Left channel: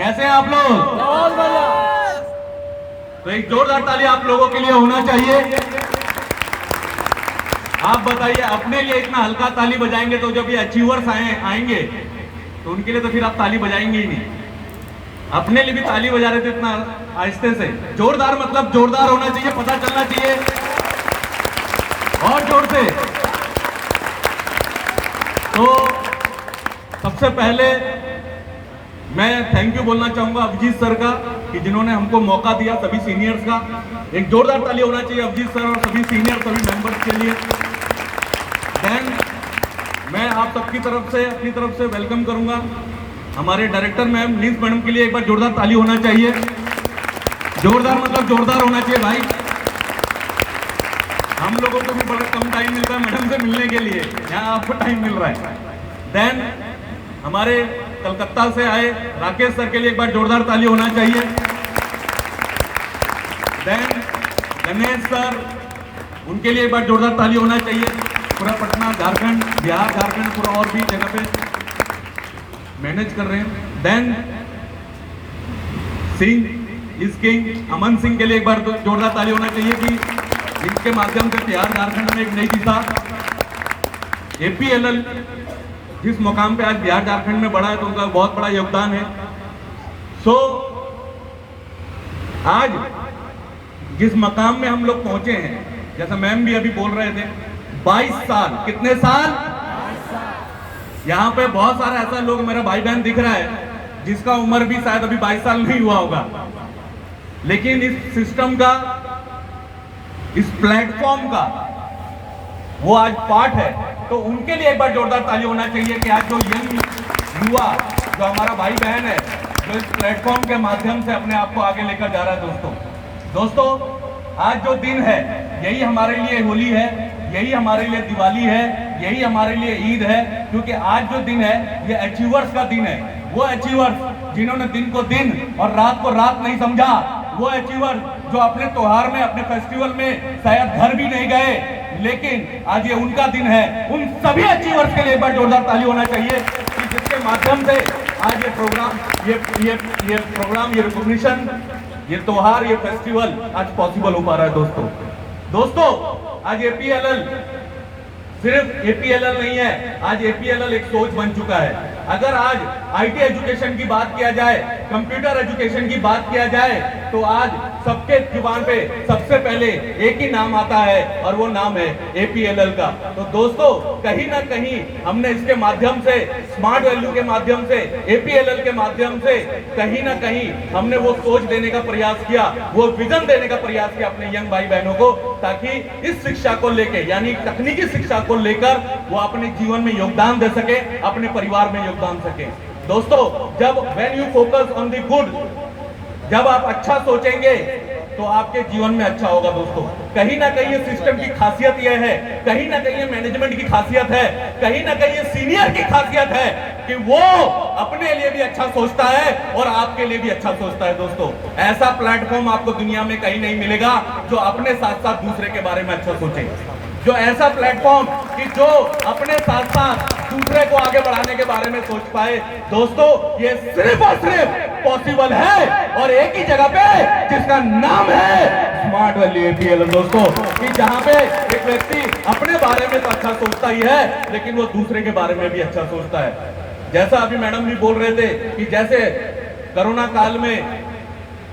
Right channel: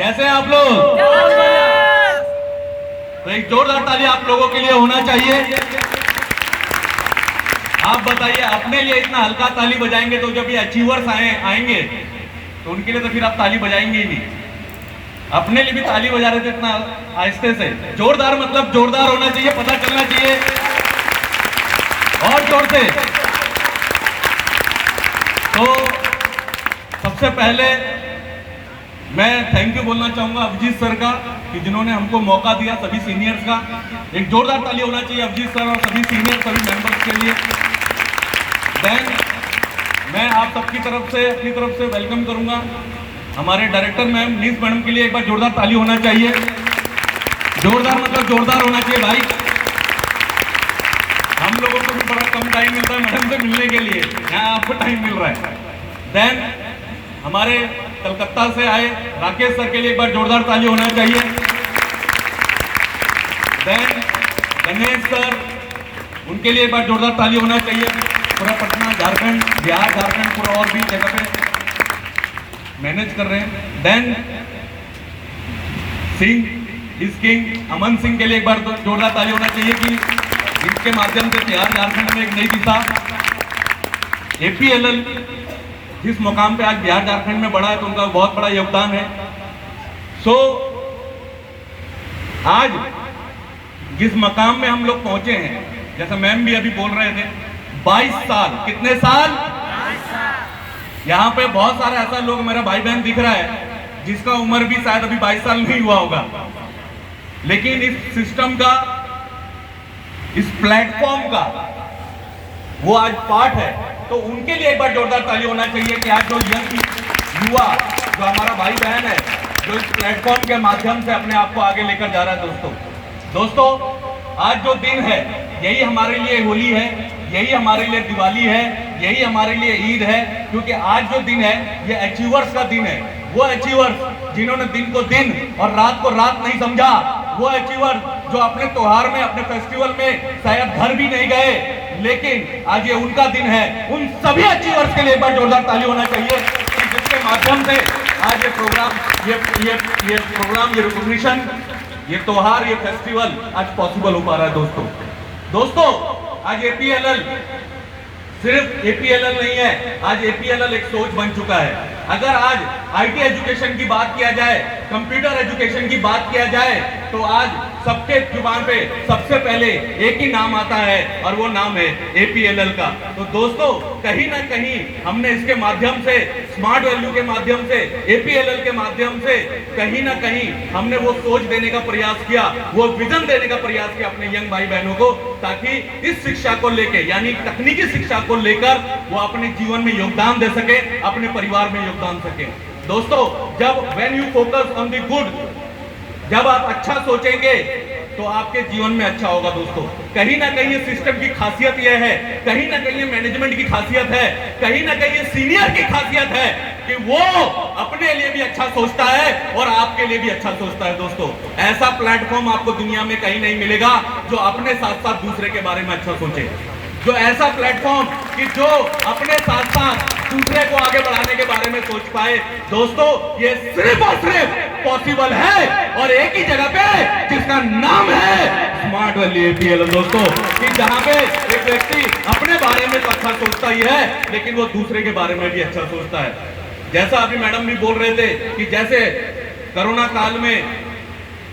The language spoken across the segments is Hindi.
कैसे हैं आप लोग? तो एक जोरदार ताली आप लोगों के लिए होना चाहिए। आप बताइए, अपने लिए इतना हल्का ताली बजाएंगे तो जब ये अचीवर्स आएंगे तो उनके लिए तो फिर आप ताली बजाएंगे ही नहीं। अपने लिए भी ताली बजा रहे थे इतना आहिस्ते से। जोरदार मतलब जोरदार होना चाहिए, पता चलना चाहिए और जोर से। तो सबसे पहले मैं थैंक यू बोलना चाहूंगा अभिजीत सर का कि जिन्होंने हमको मौका दिया, सभी सीनियर्स का एक जोरदार ताली होना चाहिए अभिजीत सर और सभी सीनियर सभी मेंबर्स के लिए। देन मैं आप सबकी तरफ से अपनी तरफ से वेलकम करूंगा हमारे डायरेक्टर मैम नीस मैडम के लिए। एक बार जोरदार ताली होना चाहिए। जोरदार मतलब जोरदार होना चाहिए भाई। हम लोगों को भी बड़ा कम टाइम मिलता है मैडम से मिलने के लिए, यहाँ आपको टाइम मिल रहा है। देन हमारे कलकत्ता से आए राकेश सर के लिए एक बार जोरदार ताली होना चाहिए। देन गणेश सर, उनके लिए एक बार जोरदार ताली होना चाहिए। पूरा पटना, झारखंड, बिहार, झारखंड पूरा और भी जगह पे मैनेज कर रहे हैं। देन सिंह इस किंग अमन सिंह के लिए एक बार जोरदार ताली होना चाहिए कि इनके माध्यम से बिहार झारखंड में एक नई दिशा, एपीएलएल जिस मुकाम पे आज बिहार झारखंड में बढ़ा है तो उनका बहुत बड़ा योगदान है। सो आज जिस मकाम में हम लोग पहुंचे हैं, जैसे मैम भी अभी बोल रहे थे, 22 साल, कितने साल? यहाँ पे बहुत सारे ऐसा लोग मेरे भाई बहन दिख रहा है जिसका उम्र भी शायद अभी 22 साल नहीं हुआ होगा, लेकिन इस सिस्टम का, इस प्लेटफॉर्म का वो आज पार्ट है। तो उनके लिए एक बार जोरदार ताली होना चाहिए कि आज जो यंग युवा, जो हमारा भाई बहन है, जो इस प्लेटफॉर्म के माध्यम से अपने आप को आगे लेकर जा रहा है। दोस्तों आज जो दिन है यही हमारे लिए होली है, यही हमारे लिए दिवाली है, यही हमारे लिए ईद है, क्योंकि आज जो दिन है ये अचीवर्स का दिन है। वो अचीवर्स जिन्होंने दिन को दिन और रात को रात नहीं समझा, वो अचीवर्स जो अपने त्योहार में, अपने फेस्टिवल में शायद घर भी नहीं गए, लेकिन आज ये उनका दिन है। उन सभी अचीवर्स के लिए एक बार जोरदार ताली होना चाहिए जिसके माध्यम से आज ये प्रोग्राम, ये रिकॉग्निशन, ये त्योहार, ये फेस्टिवल आज पॉसिबल हो पा रहा है। दोस्तों आज एपीएलएल सिर्फ एपीएलएल नहीं है, आज एपीएलएल एक सोच बन चुका है। अगर आज आईटी एजुकेशन की बात किया जाए, कंप्यूटर एजुकेशन की बात किया जाए, तो आज सबके जुबान पे सबसे पहले एक ही नाम आता है और वो नाम है एपीएलएल का। तो दोस्तों कहीं ना कहीं हमने इसके माध्यम से, स्मार्ट वैल्यू के माध्यम से, एपीएलएल के माध्यम से कहीं ना कहीं हमने वो सोच देने का प्रयास किया, वो विजन देने का प्रयास किया अपने यंग भाई बहनों को, ताकि इस शिक्षा को लेकर, यानी तकनीकी शिक्षा को लेकर वो अपने जीवन में योगदान दे सके, अपने परिवार में योगदान सके। दोस्तों जब when you focus on the good, जब आप अच्छा सोचेंगे तो आपके जीवन में अच्छा होगा। दोस्तों कहीं ना कहीं ये सिस्टम की खासियत यह है, कहीं ना कहीं ये मैनेजमेंट की खासियत है, कहीं ना कहीं ये सीनियर की खासियत है कि वो अपने लिए भी अच्छा सोचता है और आपके लिए भी अच्छा सोचता है। दोस्तों ऐसा प्लेटफॉर्म आपको दुनिया में कहीं नहीं मिलेगा जो अपने साथ साथ दूसरे के बारे में अच्छा सोचे, जो ऐसा प्लेटफॉर्म कि जो अपने साथ साथ दूसरे को आगे बढ़ाने के बारे में सोच पाए। दोस्तों ये सिर्फ और सिर्फ पॉसिबल है और एक ही जगह पे, जिसका नाम है स्मार्ट वैल्यू एपीएलएल। दोस्तों कि जहां पे एक व्यक्ति अपने बारे में तो अच्छा सोचता ही है, लेकिन वो दूसरे के बारे में भी अच्छा सोचता है। जैसा अभी मैडम भी बोल रहे थे कि जैसे कोरोना काल में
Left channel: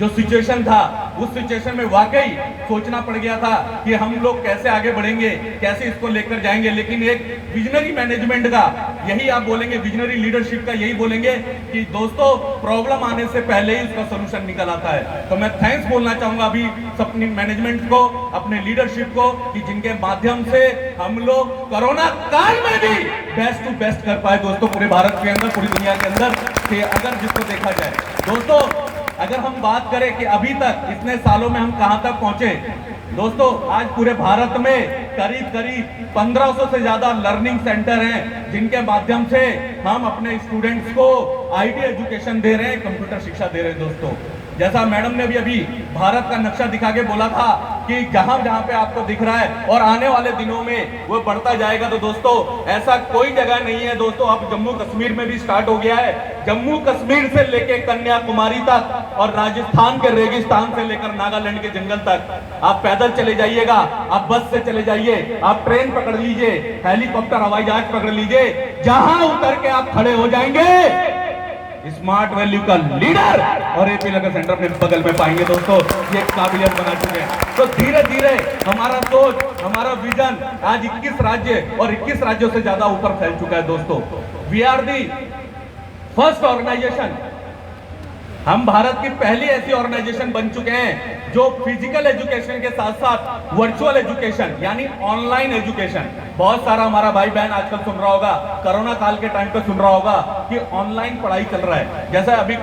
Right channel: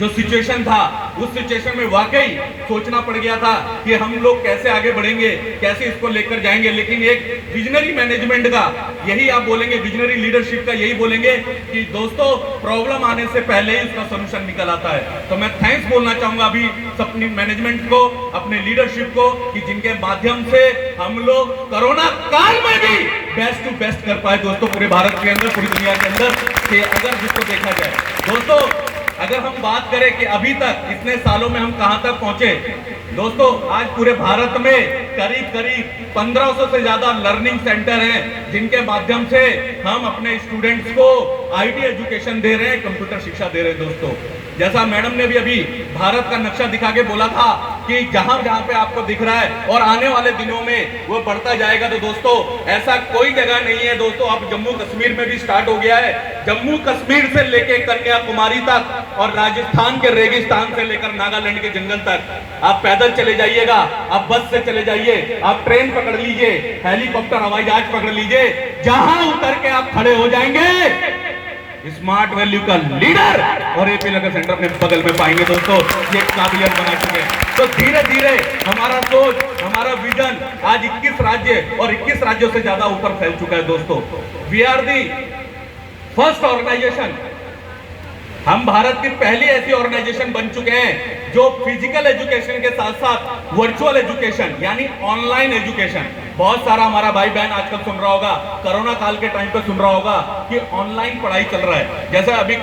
जो सिचुएशन था, उस सिचुएशन में वाकई सोचना पड़ गया था कि हम लोग कैसे आगे बढ़ेंगे, कैसे इसको लेकर जाएंगे। लेकिन एक विजनरी मैनेजमेंट का, यही आप बोलेंगे, विजनरी लीडरशिप का यही बोलेंगे कि दोस्तों प्रॉब्लम आने से पहले ही उसका सॉल्यूशन निकल आता है। तो मैं थैंक्स बोलना चाहूंगा अभी अपनी मैनेजमेंट को, अपने लीडरशिप को, कि जिनके माध्यम से हम लोग कोरोना काल में भी बेस्ट टू बेस्ट कर पाए। दोस्तों पूरे भारत के अंदर, पूरी दुनिया के अंदर, कि अगर जिसको देखा जाए, दोस्तों अगर हम बात करें कि अभी तक इतने सालों में हम कहां तक पहुंचे, दोस्तों आज पूरे भारत में करीब 1500 से ज्यादा लर्निंग सेंटर हैं, जिनके माध्यम से हम अपने स्टूडेंट्स को आईटी एजुकेशन दे रहे हैं, कंप्यूटर शिक्षा दे रहे हैं दोस्तों। जैसा मैडम ने भी अभी भारत का नक्शा दिखा के बोला था कि जहां जहां पे आपको दिख रहा है और आने वाले दिनों में वो बढ़ता जाएगा, तो दोस्तों ऐसा कोई जगह नहीं है दोस्तों। अब जम्मू कश्मीर में भी स्टार्ट हो गया है, जम्मू कश्मीर से लेकर कन्याकुमारी तक और राजस्थान के रेगिस्तान से लेकर नागालैंड के जंगल तक आप पैदल चले जाइएगा, आप बस से चले जाइए, आप ट्रेन पकड़ लीजिए, हेलीकॉप्टर हवाई जहाज पकड़ लीजिए, जहां उतर के आप खड़े हो जाएंगे स्मार्ट वैल्यू का लीडर और एपी लगा सेंटर अपने बगल में पाएंगे दोस्तों। ये काबिलियत बना चुके हैं। तो धीरे धीरे हमारा सोच, हमारा विजन आज 21 राज्य और 21 राज्यों से ज्यादा ऊपर फैल चुका है दोस्तों। We are the first organisation, हम भारत की पहली ऐसी ऑर्गेनाइजेशन बन चुके हैं जो फिजिकल एजुकेशन के साथ साथ वर्चुअल एजुकेशन यानी ऑनलाइन एजुकेशन, बहुत सारा हमारा भाई बहन आजकल सुन रहा होगा, कोरोना काल के टाइम पे सुन रहा होगा कि ऑनलाइन पढ़ाई चल रहा है। जैसे अभी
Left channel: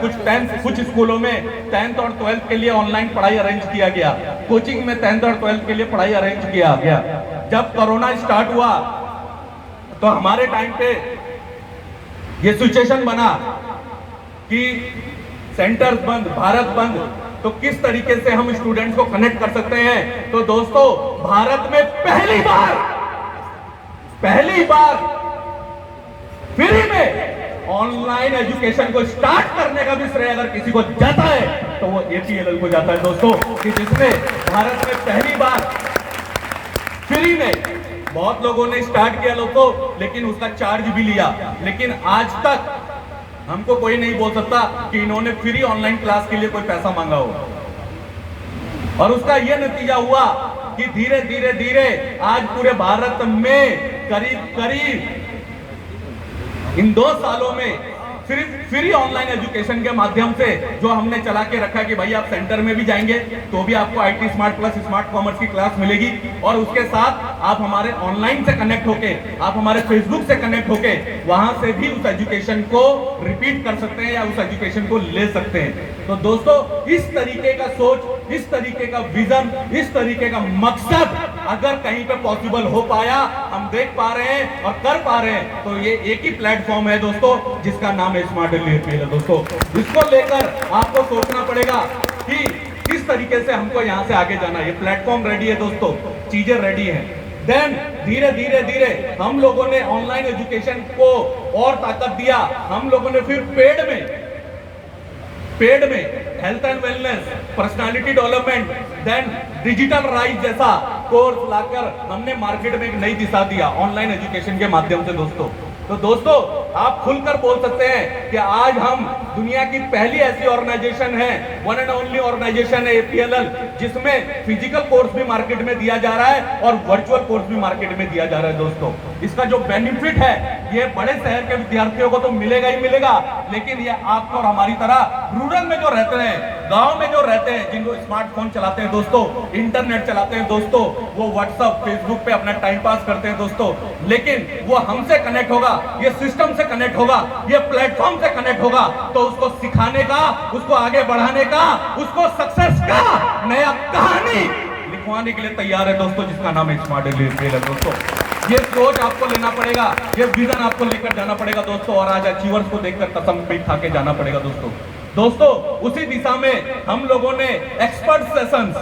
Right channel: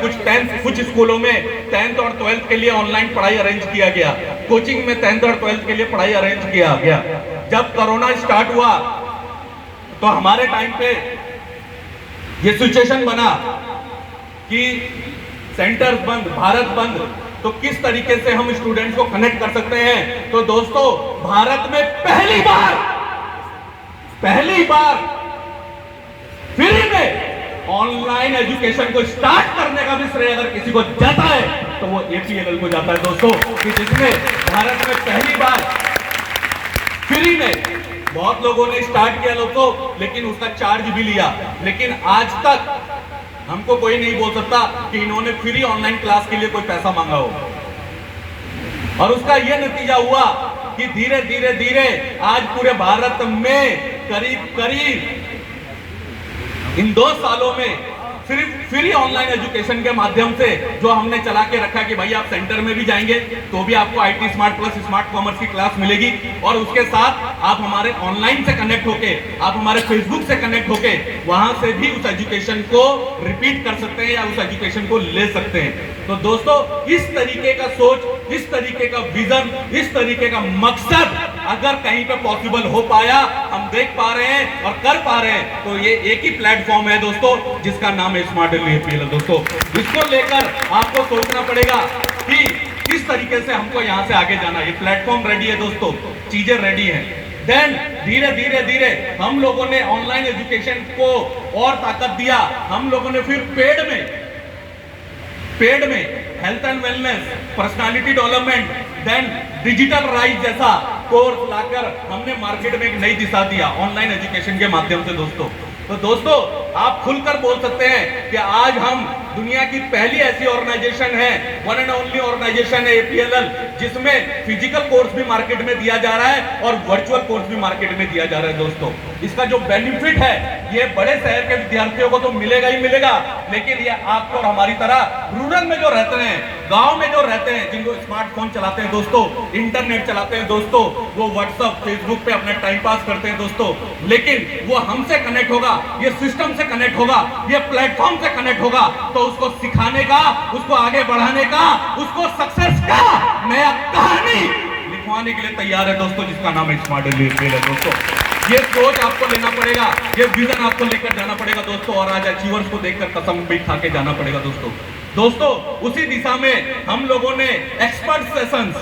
कुछ स्कूलों में 10th और 12th के लिए ऑनलाइन पढ़ाई अरेंज किया गया, कोचिंग में 10th और 12th के लिए पढ़ाई अरेंज किया गया। जब कोरोना स्टार्ट हुआ तो हमारे टाइम पे ये सिचुएशन बना कि सेंटर बंद, भारत बंद, तो किस तरीके से हम स्टूडेंट्स को कनेक्ट कर सकते हैं। तो दोस्तों भारत में पहली बार फ्री में ऑनलाइन एजुकेशन को स्टार्ट करने का भी श्रेय अगर किसी को जाता है तो वो एपीएलएल को जाता है दोस्तों, कि जिसमें भारत में पहली बार फ्री में, बहुत लोगों ने स्टार्ट किया लोगों, लेकिन उसका चार्ज भी लिया, लेकिन आज तक हमको कोई नहीं बोल सकता कि इन्होंने फ्री ऑनलाइन क्लास के लिए कोई पैसा मांगा हो। और उसका यह नतीजा हुआ कि धीरे धीरे धीरे आज पूरे भारत में करीब इन 2 सालों में फ्री ऑनलाइन एजुकेशन के माध्यम से जो हमने चला के रखा कि भाई आप सेंटर में भी जाएंगे तो भी आपको IT smart plus smart commerce की क्लास मिलेगी, और उसके साथ आप हमारे ऑनलाइन से कनेक्ट होके, आप हमारे फेसबुक से कनेक्ट होके वहां से भी उस एजुकेशन को रिपीट कर सकते हैं या उस एजुकेशन को ले सकते हैं। तो दोस्तों इस तरीके का सोच, इस तरीके का विजन, इस तरीके का मकसद अगर कहीं पे पॉसिबल हो पाया, हम देख पा रहे हैं और कर पा रहे हैं, तो ये एक ही प्लेटफॉर्म है दोस्तों जिसका नाम है स्मार्ट एपीएल दोस्तों। इसको लेकर आपको सोचना पड़ेगा कि किस तरीके से हमको यहां से आगे जाना है। ये प्लेटफॉर्म रेडी है दोस्तों, चीजें रेडी हैं। देन धीरे धीरे धीरे हम लोगों ने ऑनलाइन एजुकेशन को और ताकत दिया, हम लोगों ने फिर पेड में health and wellness, personality development, then digital rise जैसा कोर्स लाकर हमने मार्केट में एक नई दिशा दिया ऑनलाइन एजुकेशन के माध्यम से दोस्तों। तो दोस्तों आप खुलकर बोल सकते हैं कि आज हम दुनिया की पहली ऐसी ऑर्गेनाइजेशन है, वन एंड ओनली ऑर्गेनाइजेशन है एपीएलएल, जिसमें फिजिकल कोर्स भी मार्केट में दिया जा रहा है और वर्चुअल कोर्स भी मार्केट में दिया जा रहा है दोस्तों। इसका जो बेनिफिट है ये बड़े शहर के विद्यार्थियों को तो मिलेगा ही मिलेगा, लेकिन ये आपको और हमारी तरह रूरल में जो रहते हैं, गांव में जो रहते हैं, जिनको स्मार्टफोन चलाते हैं दोस्तों, इंटरनेट चलाते हैं दोस्तों, वो व्हाट्सएप फेसबुक पे अपना टाइम पास करते हैं दोस्तों, लेकिन वो हमसे कनेक्ट होगा, ये सिस्टम से कनेक्ट होगा, ये प्लेटफॉर्म से कनेक्ट होगा, तो उसको सिखाने का, उसको आगे बढ़ाने का, उसको सक्सेस का नया कहानी लिखवाने के लिए तैयार है दोस्तों, जिसका नाम है स्मार्ट एपीएल है दोस्तों। ये सोच आपको लेना पड़ेगा, ये विजन आपको लेकर जाना पड़ेगा दोस्तों, और आज अचीवर्स को देखकर कसम भी खा के जाना पड़ेगा दोस्तों। उसी दिशा में हम लोगों ने एक्सपर्ट सेशंस,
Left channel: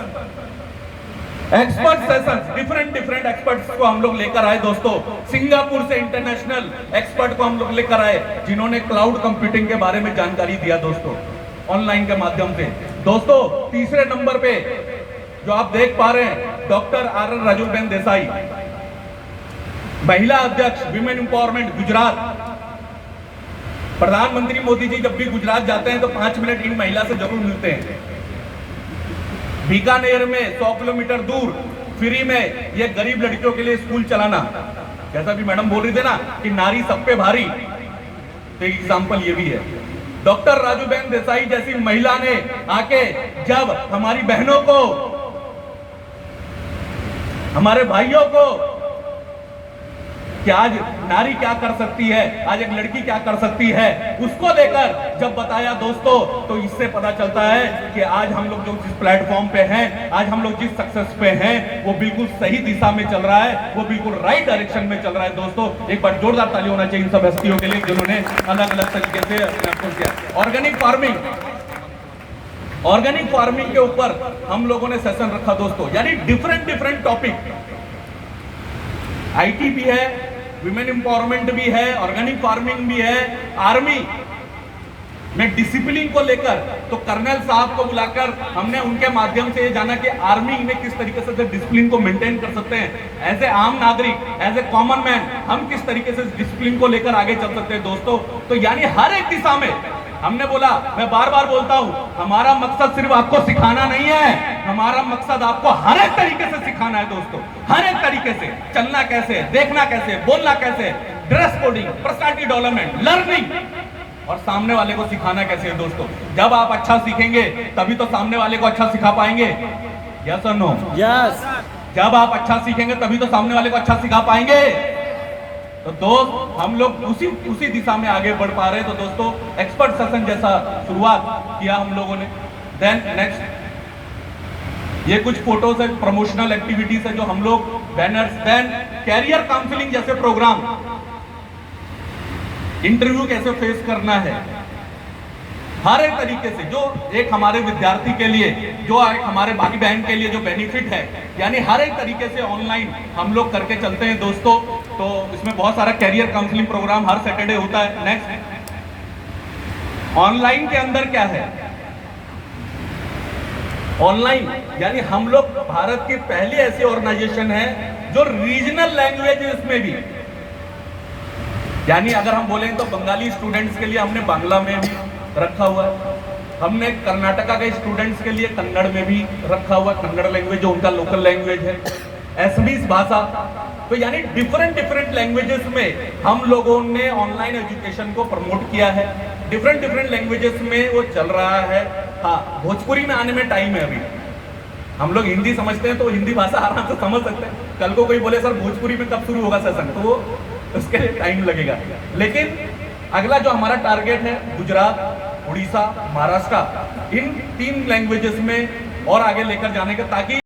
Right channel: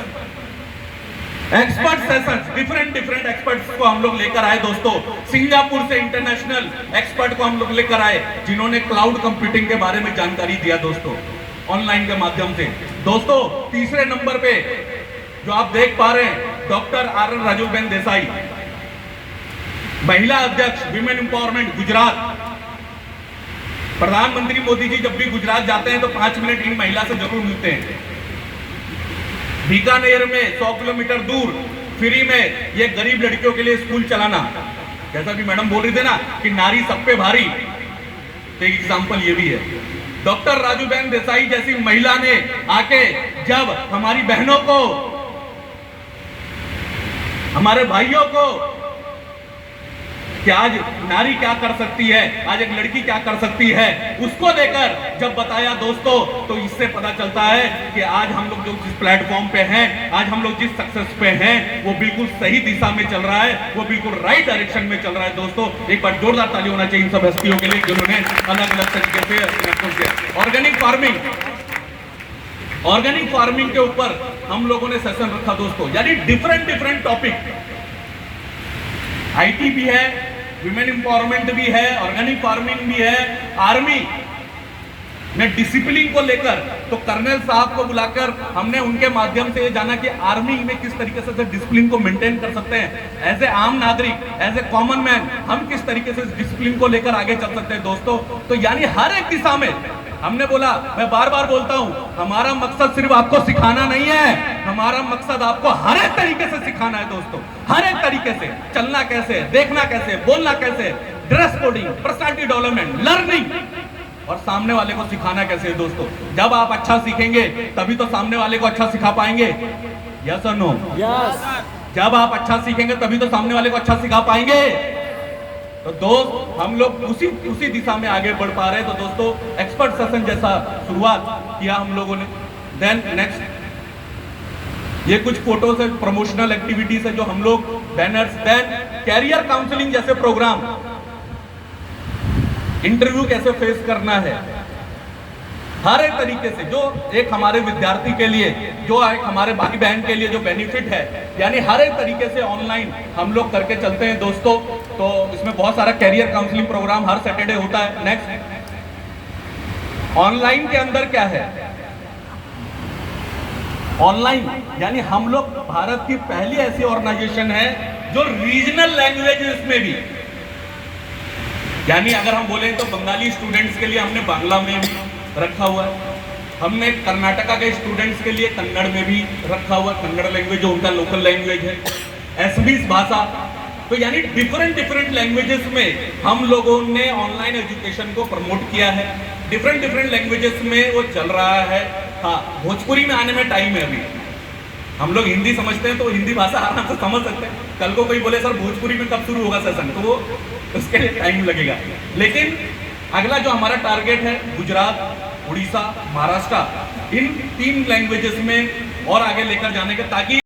डिफरेंट एक्सपर्ट्स को हम लोग लेकर आए दोस्तों। सिंगापुर से इंटरनेशनल एक्सपर्ट को हम लोग लेकर आए, जिन्होंने क्लाउड कंप्यूटिंग के बारे में जानकारी दिया दोस्तों, ऑनलाइन के माध्यम से दोस्तों। तीसरे नंबर पे जो आप देख पा रहे हैं, डॉक्टर आर राजूबेन देसाई, महिला अध्यक्ष विमेन एम्पावरमेंट गुजरात। प्रधानमंत्री मोदी जी जब भी गुजरात जाते हैं तो 5 मिनट इन महिला से जरूर मिलते हैं। बीकानेर में 100 किलोमीटर दूर फ्री में ये गरीब लड़कियों के लिए स्कूल चलाना, जैसा कि मैडम बोल रही थे ना कि नारी सब पे भारी, तो एक एग्जांपल ये भी है। डॉक्टर राजूबेन देसाई जैसी महिला ने आके जब हमारी बहनों को, हमारे भाइयों को कि आज नारी क्या कर सकती है, आज एक लड़की क्या कर सकती है, उसको देकर जब बताया दोस्तों, तो इससे पता चलता है कि आज हम लोग जो जिस प्लेटफॉर्म पे हैं, आज हम लोग जिस सक्सेस पे हैं, वो बिल्कुल सही दिशा में चल रहा है, वो बिल्कुल राइट डायरेक्शन में चल रहा है। दोस्तों एक बार जोरदार ताली होना चाहिए इन सब हस्तियों के लिए जिन्होंने अलग अलग तरीके से किया। ऑर्गेनिक फार्मिंग के ऊपर हम लोगों ने सेशन रखा दोस्तों, यानी डिफरेंट टॉपिक, आईटी भी है, विमेन एम्पावरमेंट भी है, ऑर्गेनिक फार्मिंग भी है, आर्मी ने डिसिप्लिन को लेकर, तो कर्नल साहब को बुलाकर हमने उनके माध्यम से ये जाना कि आर्मी में किस तरीके से डिसिप्लिन को मेंटेन कर सकते हैं, एज ए आम नागरिक, एज ए कॉमन मैन हम किस तरीके से डिसिप्लिन को लेकर आगे चल सकते हैं दोस्तों। तो यानी हर एक दिशा में हमने बोला, मैं बार बार बोलता हूं, हमारा मकसद सिर्फ आपको सिखाना नहीं है, हमारा मकसद आपको हर एक तरीके से सिखाना है दोस्तों, हर एक तरीके से चलना कैसे, देखना कैसे, बोलना कैसे, dress coding, personality development, learning, और सामने वाले को सिखाना कैसे है दोस्तों। जब आप अच्छा सीखेंगे तभी तो सामने वाले को अच्छा सिखा पाएंगे, यस और नो? यस। जब आप अच्छा सीखेंगे तभी तो सामने वाले को अच्छा सिखा पाएंगे। तो दोस्त हम लोग उसी दिशा में आगे बढ़ पा रहे हैं। तो दोस्तों एक्सपर्ट सेशन जैसा शुरुआत किया हम लोगों ने। देन नेक्स्ट ये कुछ फोटोज है, प्रमोशनल एक्टिविटीज है जो हम लोग, बैनर्स, देन कैरियर काउंसलिंग जैसे प्रोग्राम, इंटरव्यू कैसे फेस करना है, हर एक तरीके से जो एक हमारे विद्यार्थी के लिए, जो एक हमारे भाई बहन के लिए जो बेनिफिट है, यानी हर एक तरीके से ऑनलाइन हम लोग करके चलते हैं दोस्तों। तो इसमें बहुत सारा कैरियर काउंसलिंग प्रोग्राम हर सैटरडे होता है। नेक्स्ट, ऑनलाइन के अंदर क्या है, ऑनलाइन यानी हम लोग भारत की पहली ऐसी ऑर्गेनाइजेशन है जो रीजनल लैंग्वेजेस में भी, यानी अगर हम बोलें तो बंगाली स्टूडेंट्स के लिए हमने बांग्ला में भी रखा हुआ, हमने कर्नाटका के स्टूडेंट्स के लिए कन्नड़ में भी रखा हुआ, कन्नड़ लैंग्वेज जो उनका लोकल लैंग्वेज है, असमीज भाषा। तो यानी डिफरेंट लैंग्वेजेस में हम लोगों ने ऑनलाइन एजुकेशन को प्रमोट किया है। डिफरेंट लैंग्वेजेस में वो चल रहा है। हाँ, भोजपुरी में आने में टाइम है अभी। हम लोग हिंदी समझते हैं तो हिंदी भाषा आराम से समझ सकते हैं। कल को कोई बोले सर भोजपुरी में कब शुरू होगा सेशन, तो वो उसके लिए टाइम लगेगा। लेकिन अगला जो हमारा टारगेट है, गुजरात, उड़ीसा, महाराष्ट्र, इन 3 लैंग्वेजेस में और आगे लेकर जाने का, ताकि